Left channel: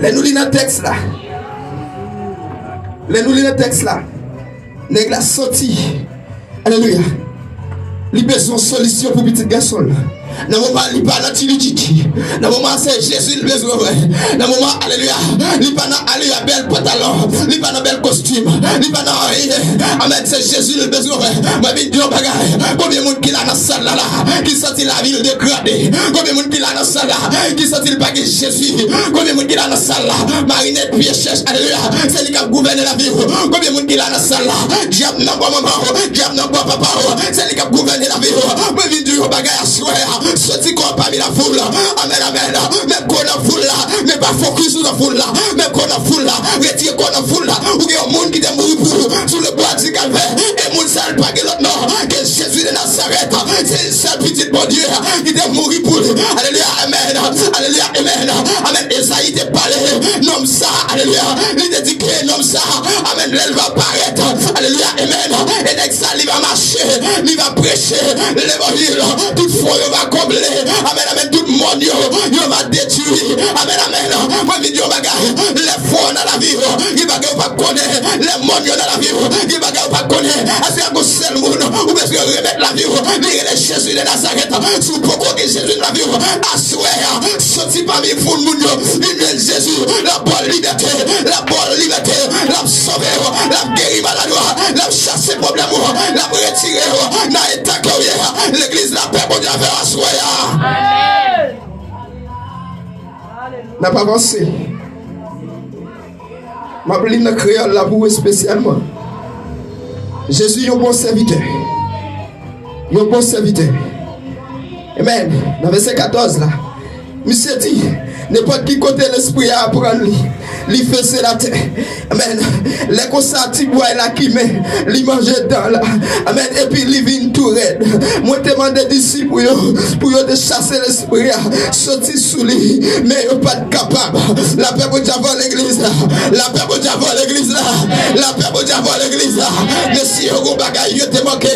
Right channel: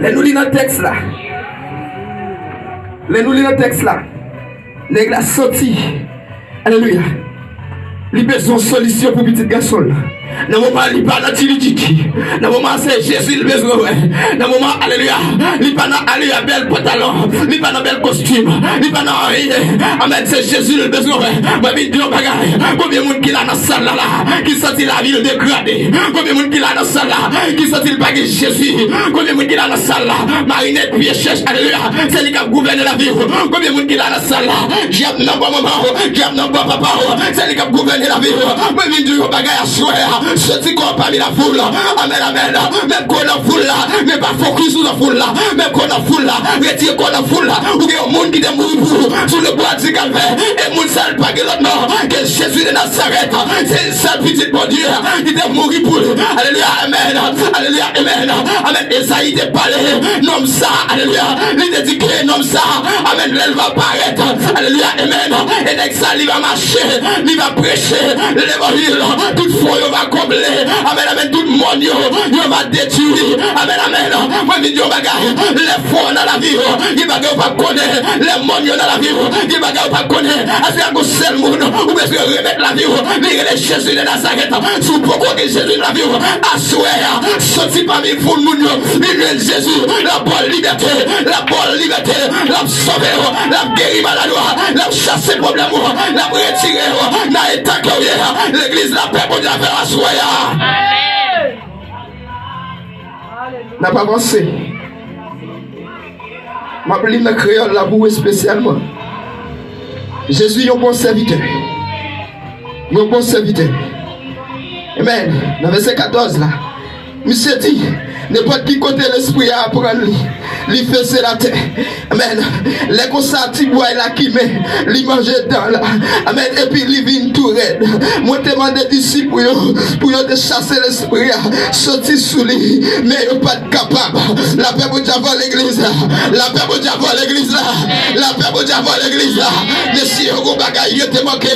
Les nous lisons le texte là. Les nous lisons le texte là. Les gars sorti. Alléluia. Il a besoin de solution pour petit garçon. Dans le moment, il pas dans dans le moment, c'est Jésus le besoin. Dans le moment, alléluia, il pas dans alléluia bel pantalon, il pas dans bel costume, il pas dans rien. Amen, c'est Jésus le besoin. Ma vie Dieu bagaille. Combien de monde qui l'a dans salle là, qui sentit la ville dégradée. Combien de monde qui l'a dans salle là, qui sentit le bagage Jésus. Combien de monde qui l'a dans salle là, Marinette pied cherche alléluia, c'est lui qui a gouverné la vie. Combien de monde qui l'a dans salle là, diable non pas maman, diable non pas papa, c'est lui qui a gouverné la vie. Ma vie Dieu bagaille à soir. Ceux qu'on parmi la foule là, amen, amen, même qu'on a foule là, mais pas focus sur la foule là, même qu'on a foule là, retire qu'on a foule là, ou qu'il y a un monde qui est mort pour sur le bois du calvaire, et moun sale pas que l'autre non, que Jésus de Nazareth, c'est une seule petite bon Dieu, qui est mort pour, alléluia, amen, alléluia, amen, amen, Esaïe te parlé, nomme ça, alléluia, il te dit que nomme ça, amen, elle va apparaître, alléluia, amen, et dès que ça, il va marcher, il va prêcher, l'évangile, toutefois, il va combler. Amen, amen, tout le monde, il va détruire. Amen, amen. Moi, je dis, les fonds dans la vie, il va pas connaître. Les mondes dans la vie, il va pas connaître. Est-ce qu'il y a un seul monde où est-ce que remettre la vie? Lire Jésus de Nazareth, sous pourquoi que Jésus de la vie, assoir, sorti parmi vous, il Jésus, la bonne liberté, la sauver, la guérir malade, la chasser problème, la retirer, la étaquer, l'église, la paix, pour Dieu, faire assoir. N'a pas avancé. Ma pline de créole la boue spécialement. Jésus est un bon serviteur. Il est un bon serviteur. Amen. Dans verset 14 là. Monsieur dit, n'importe qui côté l'esprit à apprendre, il fait la terre. Amen. Les consacrés bois la qui met, il mange dans là. Amen. Et puis il vient tout raide. Moi je demande des disciples pour de chasser l'esprit, sortir sous lui, mais ils ne sont pas capables. La paix pour Dieu avant l'église là. La paix pour Dieu avant l'église là. La paix pour Dieu avant l'église là. Mais si vous avez bagay, vous avez manqué.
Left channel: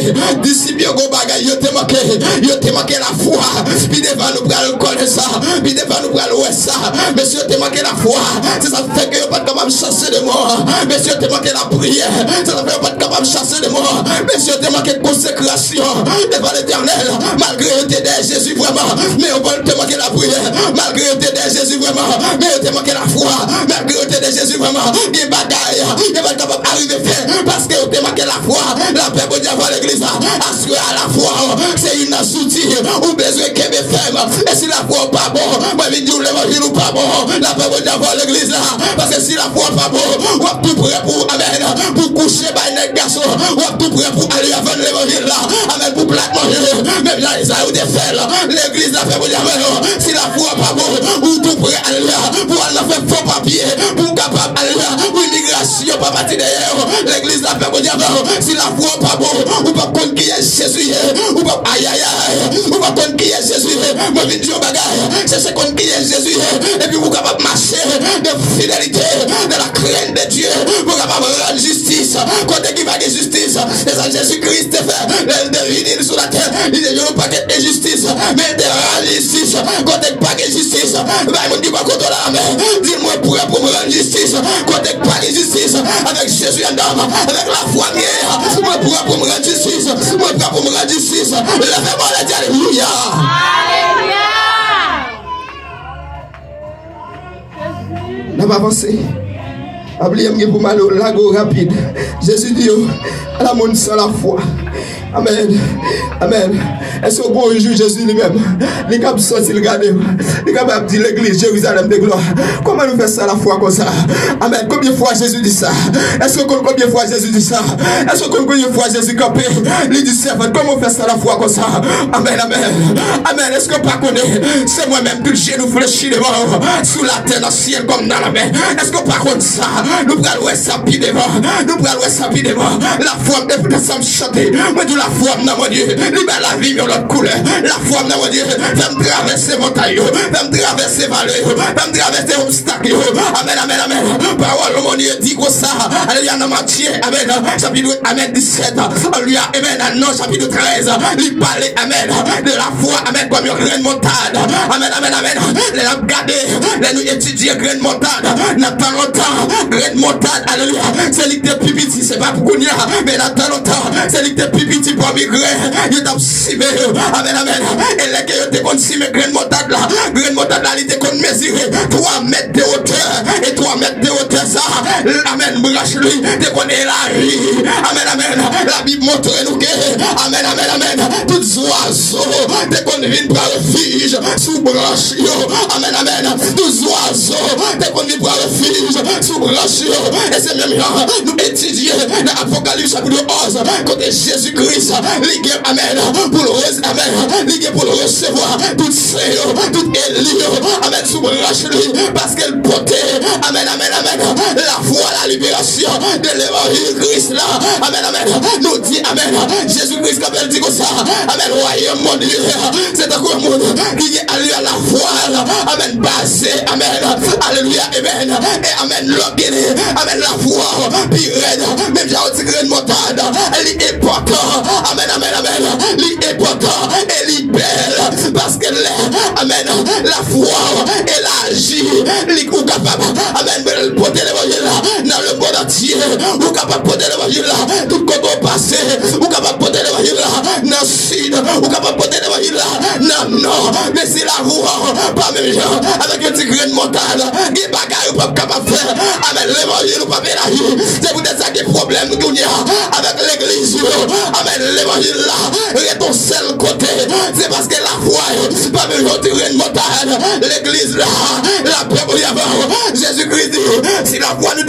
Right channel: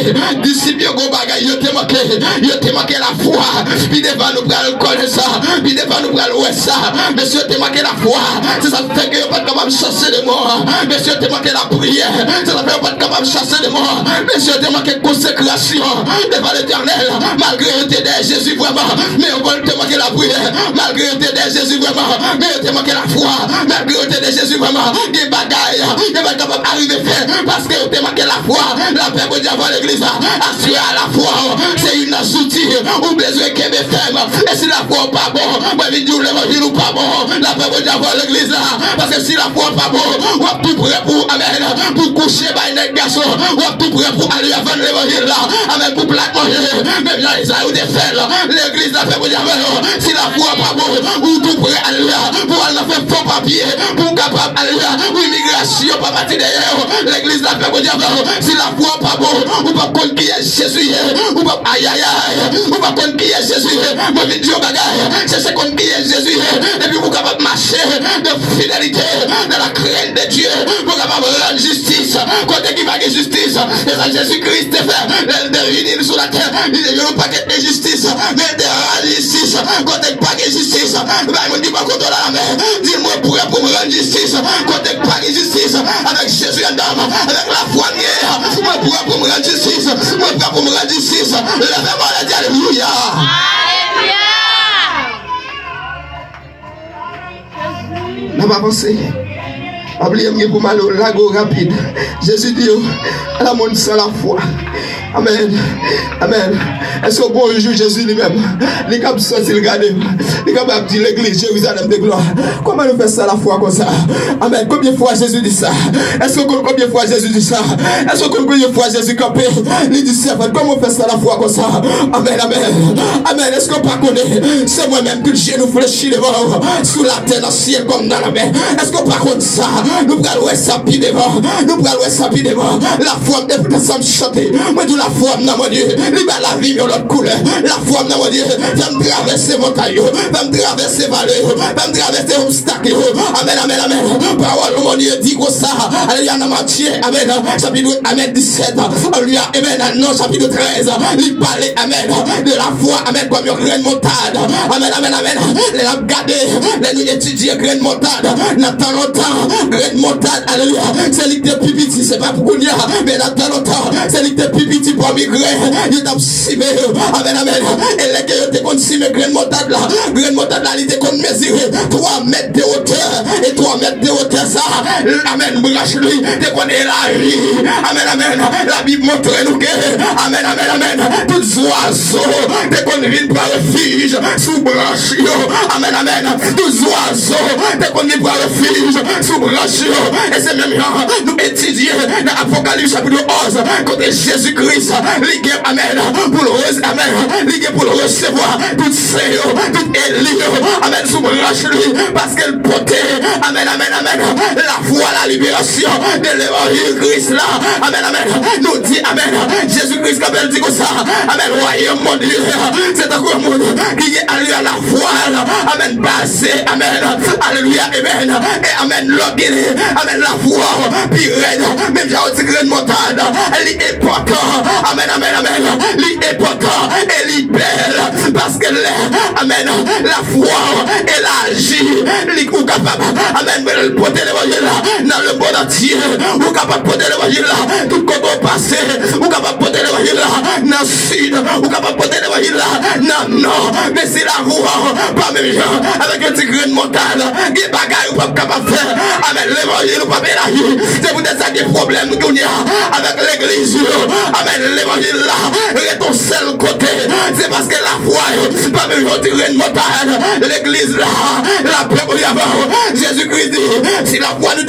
Disciples, vous avez bagay, vous avez manqué. Vous avez manqué la foi. Puis devant nous prenons connaître ça. Puis devant nous prenons ça. Monsieur, tu as manqué la foi. C'est ça fait que vous n'êtes pas capable de chasser les morts. Monsieur, tu as manqué la prière. C'est ça fait que vous n'êtes pas capable de chasser les morts. Monsieur, tu as manqué de consécration devant l'éternel. Malgré que tu es Jésus vraiment. Mais on va te manquer la prière. Malgré que tu es Jésus vraiment. Mais tu as manqué la foi. Malgré que tu es Jésus vraiment. Des bagailles. Tu n'es pas capable d'arriver à faire. Parce que tu as manqué la foi. La paix pour Dieu avant l'église. Assurer à la foi. C'est une outil. Ou besoin qu'elle me ferme. Et si la foi pas bon. Moi, je dis l'évangile ou pas bon. La paix pour Dieu avant l'église là. Parce que si la foi pas bon. On est tout prêt pour, amen, pour coucher par les garçons. On est tout prêt pour aller avant l'évangile là. Amen, pour plaque manger. Même là, ils ont des faits là. L'église la paix pour Dieu avant. Si la foi pas bon. Ou tout prêt à aller là. Pour aller faire faux papier. Pour capable aller là. Pour immigration, pas partir derrière. L'église la paix pour Dieu avant. Si la foi pas bon. Ou pas contre qui est Jésus. Ou pas aïe aïe aïe. Ou pas contre qui est Jésus. Moi, je dis au bagage. C'est ce qu'on dit Jésus. Et puis vous capable de marcher de fidélité dans la crainte de Dieu. Vous capable de rendre justice. Quand qui va justice. Et ça Jésus-Christ fait. Il devine sur la terre. Il ne veut pas qu'il y ait justice. Mais il rend justice. Quand il pas de justice. Il dit pas contre la main. Dis-moi pour me rendre justice. Quand il pas de justice. Avec Jésus en dame. Avec la foi mienne. Moi pour me rendre justice. Moi pour me rendre justice. Lève-moi la dit alléluia. N'a pas avancé. Oubliez-moi pour mal au lago rapide. Jésus dit à la monde sans la foi. Amen. Amen. Est-ce que bon jour Jésus lui-même, les capables de sortir le garder, les capables de dire l'église Jérusalem de gloire. Comment nous faisons ça la foi comme ça? Amen. Combien de fois Jésus dit ça? Est-ce que combien de fois Jésus dit ça? Est-ce que combien de fois Jésus campé? Il dit servant, comment on fait ça la foi comme ça? Amen. Amen. Amen. Est-ce que pas connaît? C'est moi-même tout le genou fléchi devant sous la terre, dans le ciel comme dans la mer. Est-ce que pas contre ça? Nous prenons ça pied devant. Nous prenons ça pied devant. La foi est pour ensemble chanter. Moi, la foi, non, mon Dieu, il va la vie, de l'autre couleur. La foi, mon Dieu, va me traverser montagne, va me traverser vallée, va me traverser obstacle. Amen, amen, amen. Parole, mon Dieu, dit comme ça. Alléluia, dans Matthieu, amen. Chapitre, amen, 17. Alléluia, amen. Non, chapitre 13. Il parlait, amen, de la foi, amen, comme une graine montade. Amen, amen, amen. Les regarder, les nous étudier graine montade. Dans tant longtemps, graine montade, alléluia. C'est l'idée de pipiti, c'est pas pour qu'on y a, mais dans tant longtemps, c'est l'idée de pipiti pour migrer. Il t'a simé, amen, amen. Et les gars, ils ont simé graine montade là. Graine montade là, ils ont mesuré 3 mètres de hauteur. Et 3 mètres de hauteur, ça, amen, branche lui, t'es qu'on est là. Amen, amen. La Bible montre nous que, amen, amen, amen. Tous oiseaux, t'es qu'on vient pour refuge, sous branche, amen, amen. Tous oiseaux, t'es qu'on vient pour refuge, sous branche, et c'est même là, nous étudier dans l'Apocalypse chapitre 11, quand Jésus-Christ, ligue, amen, pour le amen, ligue pour le recevoir, tout c'est, tout Élie, amen, sous branche lui, parce qu'elle portait, amen, amen, amen, la foi, la libération de l'évangile Christ là, amen, amen, nous dit, amen, Jésus-Christ, comme elle dit comme ça, amen, royaume, mon Dieu, c'est un gros monde qui est alléluia la foi, amen, basé, amen, alléluia, amen, et amen, l'orgueil, amen, la foi, puis raide, même j'ai aussi graine montade, elle est important, amen, amen, amen, elle est important, elle est belle, parce qu'elle est, amen, la foi, elle agit, elle est capable, amen, elle porter l'évangile là, dans le monde entier, ou capable de porter l'évangile là, tout quand on passe, ou capable de porter l'évangile là, dans le sud, ou capable de porter l'évangile là, non, non, mais c'est la voix, pas même gens, avec un petit grain de montagne, des bagailles ou pas capable de faire, amen, l'évangile ou pas mélanger, c'est pour ça des problèmes qu'on y a avec l'église, amen, l'évangile là, est ton seul côté, c'est parce que la foi, pas même gens, grain de montagne, l'église là, la paix pour y avoir, Jésus-Christ dit, si la foi nous